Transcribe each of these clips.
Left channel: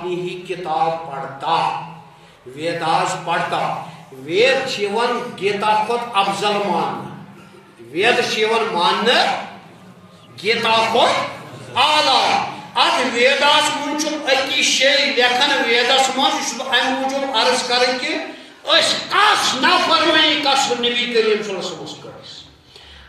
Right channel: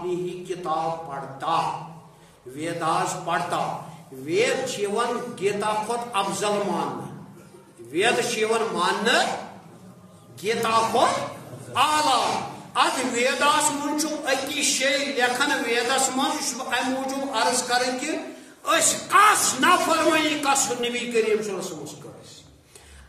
اپنی ہی کتاب پڑھتا ویداس پڑھتا وید چیون گیتا کھت افضل مان وید چیون مان گیتا کھت اعلی ات ویداس من اکی شے لکھن ویدس من ام موجود عرض کریں کہ اس کس نافرمانی کس نبی کریم صلی اللہ علیہ وسلم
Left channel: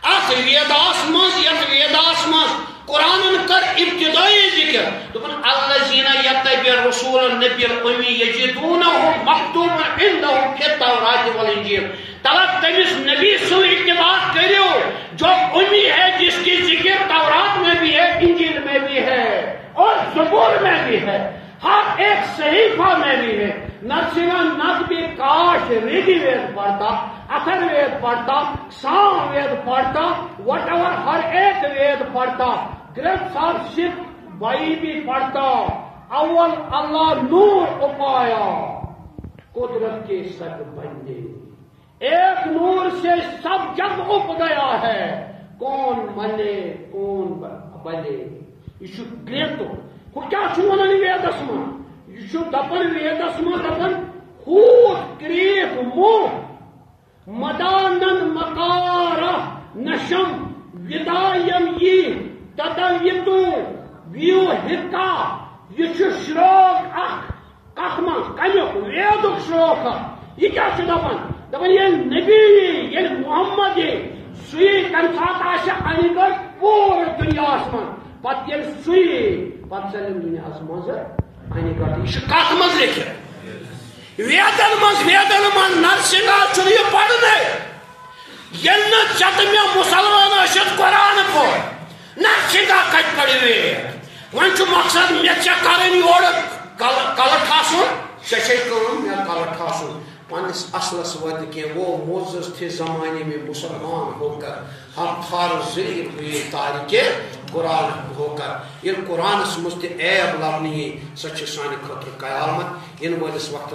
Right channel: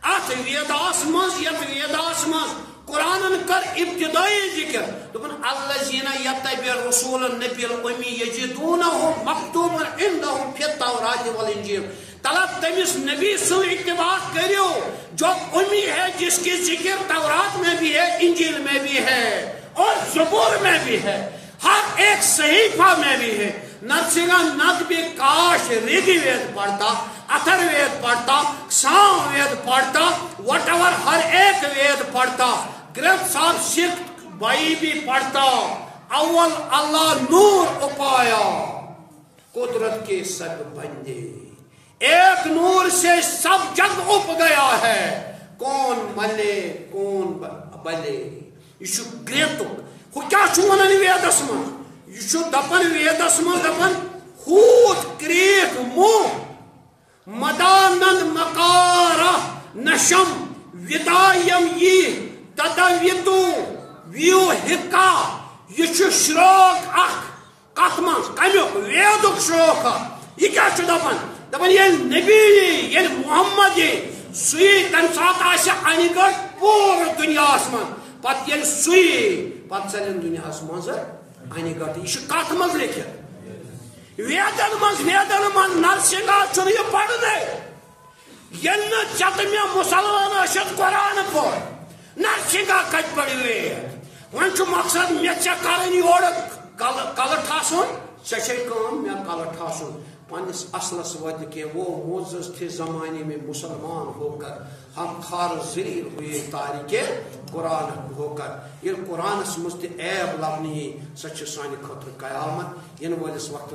ات ویداس من یت ویداس من قرآن کر ابتدائی ذکر دپن الذین یتبعون الرسول النبی الامی یجدونہ مکتوبا عندهم فی التوراۃ والانجیل طلب تمس نبی سے اتباع کرو جو امی ہے جس کی ذکر تورات میں بھی ہے انجیل میں بھی ہے اور زبور میں بھی ہے ہر ایک صحیفہ میں بھی ہے نت بھی کاش ریگی وید پڑھتا اتر وید پڑھتا سام وید پڑھتا وٹ ایور ہر ایک وید پڑھتا گرنتھ صاحب سکھ بھائی بھی پڑھتا اول اللہ نور اپایا قدرت کے سب بندے ایک نور سے سب جگ اپ گیا ہے کون ملے کون بلے یہ گرنتھ ہو کیا ونان ویدس من یہ دپن ویدس من دپن ہوت کریت منہ مدانند مکارہ نشم ودایم یہ تدویتو ویو ہکا یہ شروق اخ کت من کمیک ویدک شروق یہ کیا دپن دپن یہ نبی یہ محمد سی تمہ سات ان گڑ پور دنیا من پتہ یل سی پتہ چلن دنیا مز ان گڑ یہ کت من لکھت ویدن من نرسنگا چھ یہ پڑھنے یل ٹھیک میں مسلمان اشد قرآن پور نرسنگا کت پڑھ وید ون مقصد مے کریں یور کل ٹھاسن شے مے کل ٹھاسن پنس اصلس وات کی وہ معزز تھے زمانے میں مسلمان ہو کر ہم خار ذلیل ہوئے تاریخ قرآن ہو کر یہ قرآن مجھ عیب لبنی سچ سانہ خاطر قیامت ان ولس وقت